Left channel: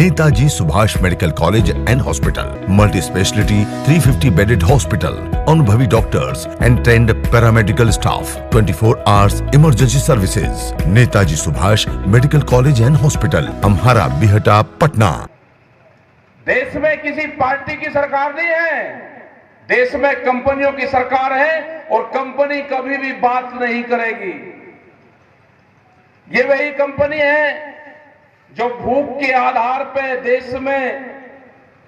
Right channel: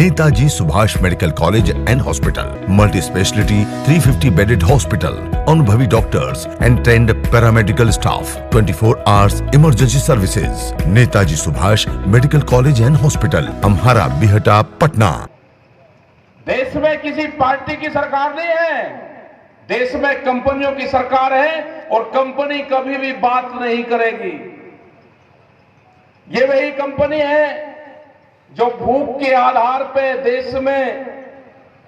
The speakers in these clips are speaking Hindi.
Netaji Subhash medical college and hospital, multi speciality 350 bedded hospital, अनुभवी doctors and trained paramedical staff, 24 hours emergency services. Netaji Subhash medical college and hospital, Amhara Bihta, Patna. देश में किसी पार्टी की सरकार नहीं है, देश में कंपनियों की सरकार है और कंपनी कभी भी बात नहीं करेगी। ये वही कंपनी है जो भूख के आधार पे देश में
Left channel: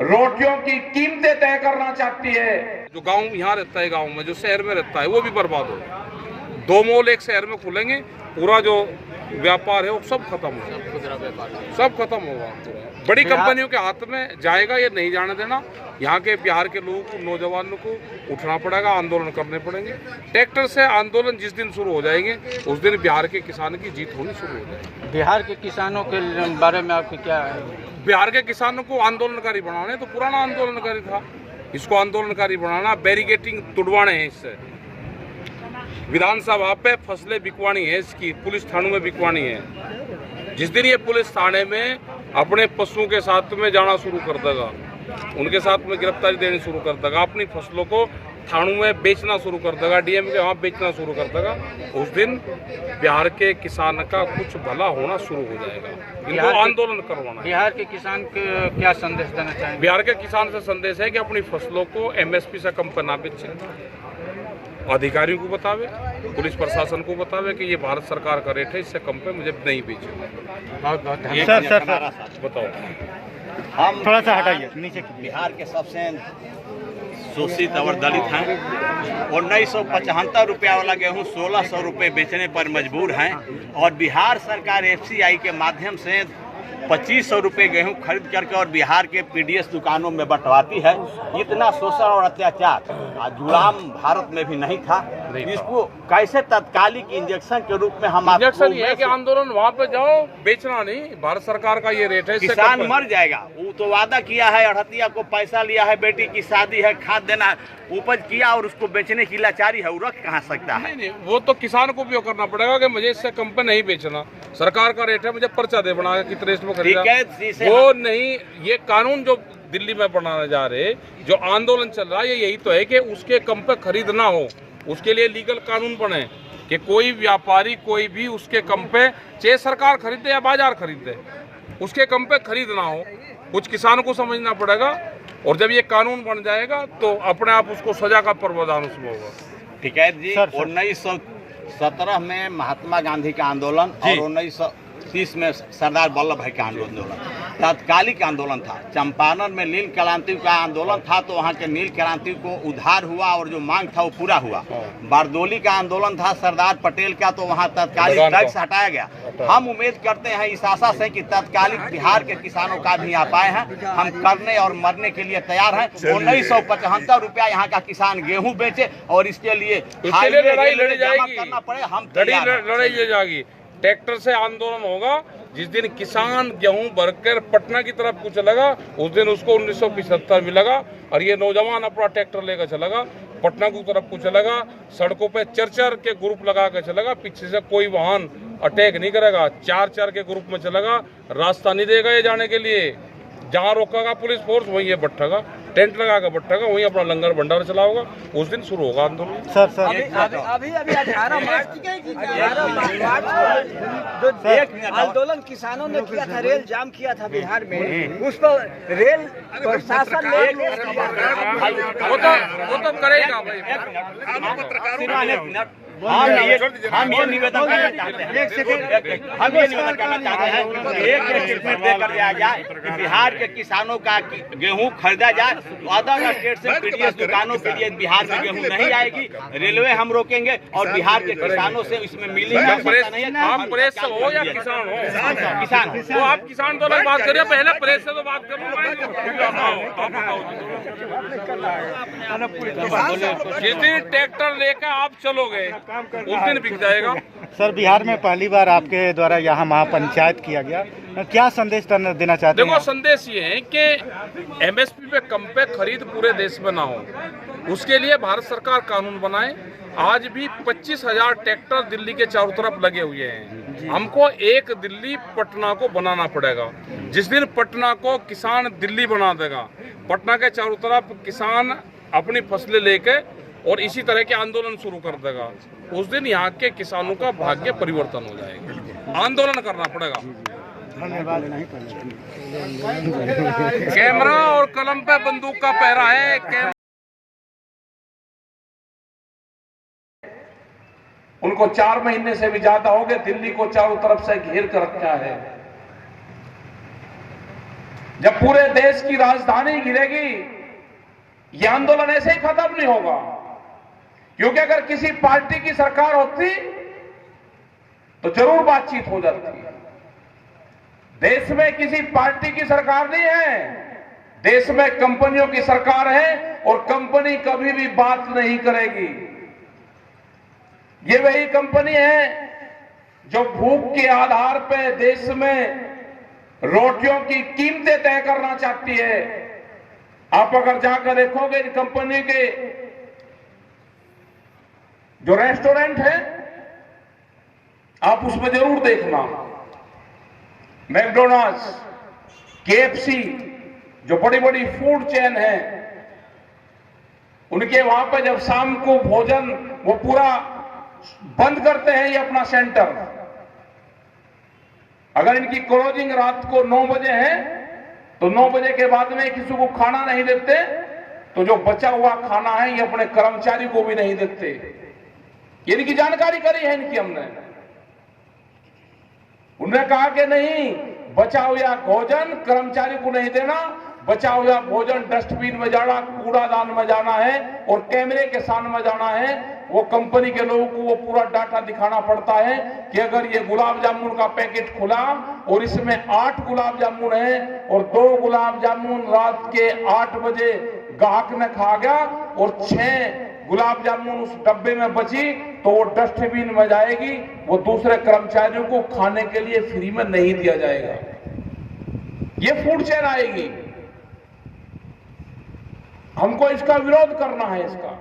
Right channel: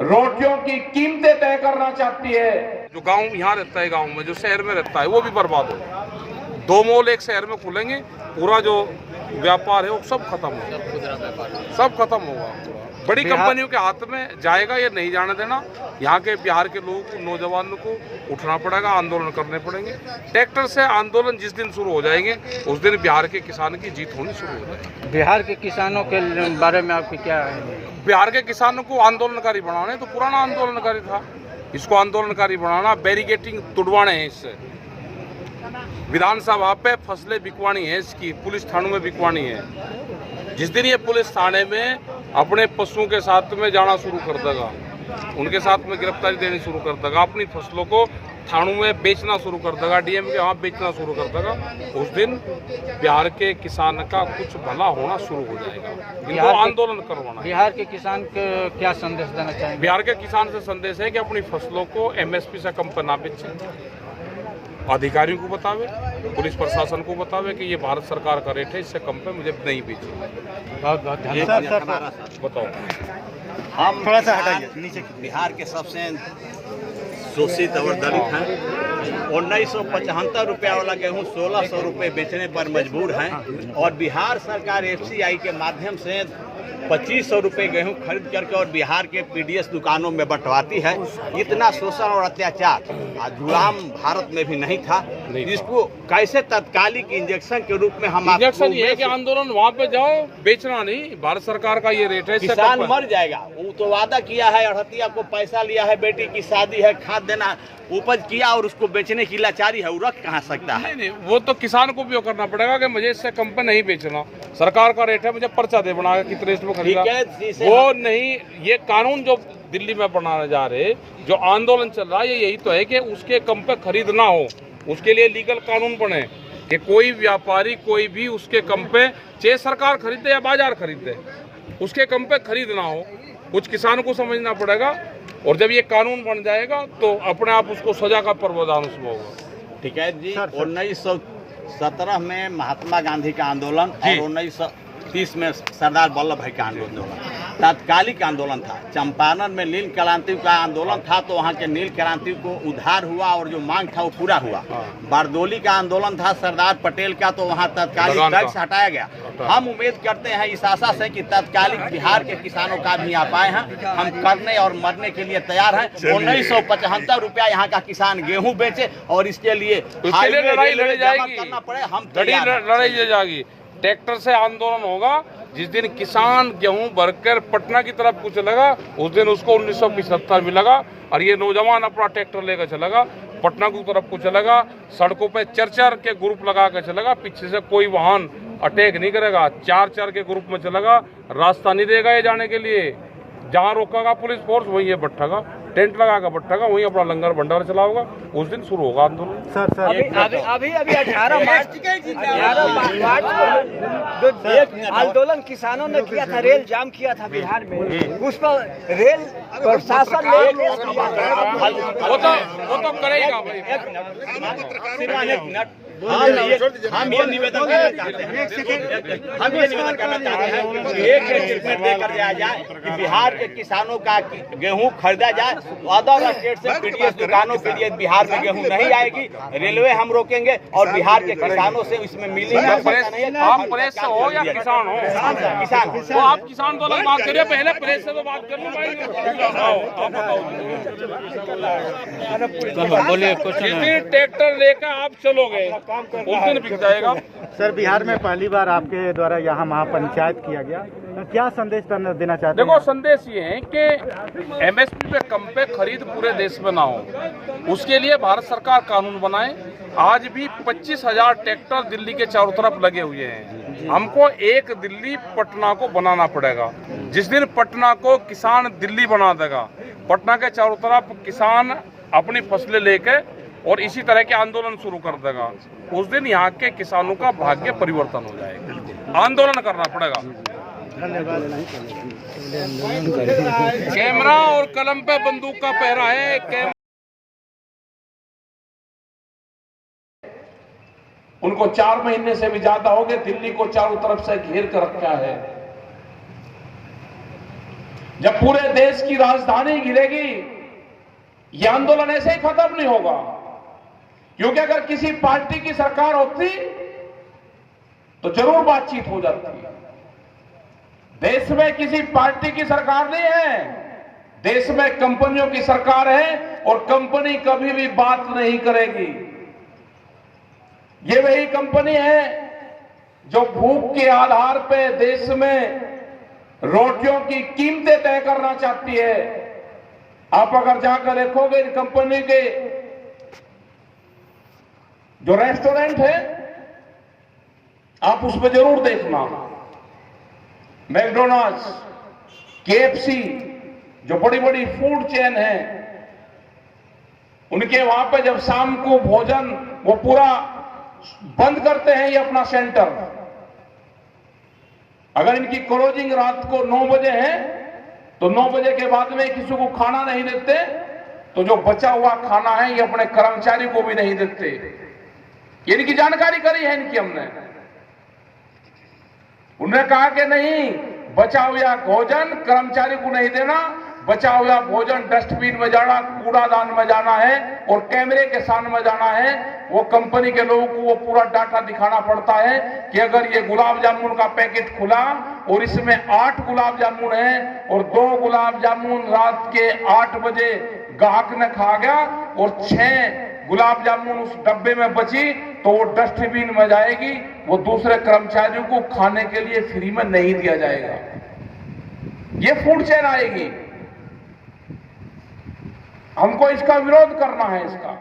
रोटियों की कीमतें तय करना चाहती है। जो गांव यहाँ रहता है, गांव में जो शहर में रहता है, वो भी बर्बाद हो। दो मॉल एक शहर में खुलेंगे, पूरा जो व्यापार है वो सब खत्म होगा, सब खत्म होगा। बड़ी कंपनियों के हाथ में जाएगा, ये नहीं जाने देना। यहाँ के बिहार के लोगों को, नौजवानों को उठना पड़ेगा, आंदोलन करने पड़ेंगे। ट्रैक्टर से आंदोलन जिस दिन शुरू हो जाएंगे उस दिन बिहार के किसान की जीत होनी शुरू हो जाएगी। बिहार के किसानों के बारे में आपकी क्या है? बिहार के किसानों को आंदोलनकारी बनाना है, तो पुराना आंदोलनकारी था, इसको आंदोलनकारी बनाना, बैरिकेटिंग तुड़वाने हैं इससे। विधानसभा पे फसलें बिकवानी है, इसकी पुलिस थानों में बिकवानी है। जिस दिन ये पुलिस थाने में अपने पशुओं के साथ में जाना शुरू कर देगा, उनके साथ में गिरफ्तारी देनी शुरू कर देगा, अपनी फसलों को थानों में बेचना शुरू कर देगा, डीएम के वहाँ बेचना शुरू कर देगा, उस दिन बिहार के किसान का कुछ भला होना शुरू हो जाएगा। इनको आंदोलन करवाना है। बिहार के किसान को क्या संदेश देना चाहिए? बिहार के किसान से संदेश है कि अपनी फसलों को एमएसपी से कम पर ना बेचे, अधिकारियों को बतावे, पुलिस प्रशासन को बतावे कि ये भारत सरकार का रेट है, इससे कम पे मुझे नहीं बेचे। बहुत बहुत धन्यवाद। सर बताओ, हम थोड़ा सा हटाइए नीचे। बिहार के सबसे शोषित और दलित हैं। 1975 रुपया वाला गेहूं 1600 रुपये बेचने पर मजबूर हैं और बिहार सरकार एफसीआई के माध्यम से 2500 रुपये गेहूं खरीद करके और बिहार के पीडीएस दुकानों में बंटवाती है। इतना शोषण और अत्याचार गुलाम भारत में भी नहीं था। इसको कैसे तत्कालिक इंजेक्शन के रूप में हम इंजेक्शन ये है कि आंदोलन वहाँ पे जाओ, बेचना नहीं, भारत सरकार का ये रेट है, किसान मर जाएगा। वो तो वादा किया है, अड़हतिया को पैसा लिया है, बेटी की शादी है, खाद देना, उपज किया और उसको बेचने की लाचारी है, वो रख कहाँ सकता है? नहीं, वो तो किसान को भी करना पड़ेगा कि मुझे इससे कम पे नहीं बेचना, सरकार का रेट है, मुझे पर्चा दे बना के कितने इसमें खरीदा। वो नहीं, ये कानून जो दिल्ली में बनाने जा रहे, जो आंदोलन चल रहा है, यही तो है कि उसके कम पे खरीद ना हो। उसके लिए लीगल कानून बने कि कोई व्यापारी कोई भी उसके कम पे, चाहे सरकार खरीदे या बाजार खरीदे, उसके कम पे खरीद ना हो। कुछ किसानों को समझना पड़ेगा और जब ये कानून बन जाएगा तो अपने आप उसको सजा का प्रावधान उसमें होगा। ठीक है जी। 1917 में महात्मा गांधी का आंदोलन और 1930 में सरदार वल्लभ भाई का आंदोलन तात्कालिक आंदोलन था। चंपारण में नील क्रांति का आंदोलन था तो वहाँ के नील क्रांति को उद्धार हुआ और जो मांग था वो पूरा हुआ। बारदोली का आंदोलन था सरदार पटेल का, तो वहाँ तात्कालिक टैक्स हटाया गया। हम उम्मीद करते हैं इस आशा से कि तात्कालिक बिहार के किसानों का भी यहाँ पाए हैं। हम करने और मरने के लिए तैयार हैं। 1975 रुपया यहाँ का किसान गेहूँ बेचे और इसके लिए लड़ाई लड़ी जाएगी, हम लड़ाई लड़ी जाएगी। ट्रैक्टर से आंदोलन होगा। जिस दिन किसान गेहूं भरकर पटना की तरफ को चलेगा, उस दिन उसको 1975 मिलेगा और ये नौजवान अपना ट्रैक्टर लेकर चलेगा, पटना की तरफ को चलेगा, सड़कों पे चर के ग्रुप लगा कर चलेगा, पीछे से कोई वाहन अटैक नहीं करेगा, चार के ग्रुप में चलेगा, रास्ता नहीं देगा ये जाने के लिए। जहाँ रोकेगा पुलिस फोर्स वहीं ये बट्ठेगा, टेंट लगाकर बट्ठेगा, वहीं अपना लंगर भंडार चलाओगा। उस दिन शुरू होगा आंदोलन। सर अभी 18 मार्च आंदोलन किसानों ने किया था, रेल जाम किया था बिहार में, उस पर रेल प्रशासन वो तो करेगा भाई। हम ये निवेदन करना चाहते हैं कि बिहार के किसानों का गेहूं खरीदा जाए। अदर स्टेट से पीडीएस दुकानों के लिए बिहार में गेहूं नहीं आएगी। रेलवे हम रोकेंगे और बिहार के किसानों से इसमें मिलेंगे। आप प्रेस से हो या किसान हो? किसान तो आप किसान तो अलग बात करिए, पहले प्रेस से तो बात कर लो। आप बताओ, जिस दिन ट्रैक्टर लेकर आप चलोगे उस दिन बिक जाएगा। सर, बिहार में पहली बार आपके द्वारा यहाँ महापंचायत किया गया, क्या संदेश देना चाहते हैं? देखो, संदेश ये है कि एमएसपी पे कम पे खरीद पूरे देश में ना हो, उसके लिए भारत सरकार कानून बनाए। आज भी 25,000 ट्रैक्टर दिल्ली के चारों तरफ लगे हुए हैं। हमको एक दिल्ली पटना को बनाना पड़ेगा। जिस दिन पटना को किसान दिल्ली बना देगा, पटना के चारों तरफ किसान अपनी फसलें लेके और इसी तरह के आंदोलन शुरू कर देगा, उस दिन यहाँ के किसानों का भाग्य परिवर्तन हो जाएगा। आंदोलन करना पड़ेगा। कैमरा और कलम पे बंदूक का पहरा है। उनको 4 महीने से भी ज्यादा हो गए, दिल्ली को चारों तरफ से घेर कर रखा है। जब पूरे देश की राजधानी गिरेगी, यह आंदोलन ऐसे ही खत्म नहीं होगा। क्योंकि अगर किसी पार्टी की सरकार होती तो जरूर बातचीत हो जाती। देश में किसी पार्टी की सरकार नहीं है, देश में कंपनियों की सरकार है और कंपनी कभी भी बात नहीं करेगी। ये वही कंपनी है जो भूख के आधार पे देश में रोटियों की कीमतें तय करना चाहती है। आप अगर जाकर देखोगे इन कंपनी के जो रेस्टोरेंट है, आप उसमें जरूर देखना, मैकडोनल्ड्स, KFC, जो बड़ी बड़ी फूड चेन है, उनके वहां पे जब शाम को भोजन वो पूरा बंद करते हैं ये अपना सेंटर। अगर इनकी क्लोजिंग रात को 9 बजे है तो 9 बजे के बाद में किसी को खाना नहीं देते, तो जो बचा हुआ खाना है ये अपने कर्मचारी को भी नहीं देते। ये इनकी जानकारी करी है इनकी हमने। उन्होंने कहा कि नहीं, बचा हुआ भोजन कर्मचारी को नहीं देना, बचा हुआ भोजन डस्टबिन में जाना, कूड़ादान में जाना है और कैमरे के सामने में जाना है। वो कंपनी के लोगों को वो पूरा डाटा दिखाना पड़ता है कि अगर ये गुलाब जामुन का पैकेट खुला और इसमें 8 गुलाब जामुन है और 2 गुलाब जामुन रात के 8 बजे ग्राहक ने खा गया और 6 गुलाब जामुन उस डब्बे में बची, तो वो डस्टबिन में जाएगी, वो दूसरे कर्मचारियों को खाने के लिए फ्री में नहीं दिया जाएगा। ये फूड चेन आएगी। हमको इसका विरोध करना है इसका।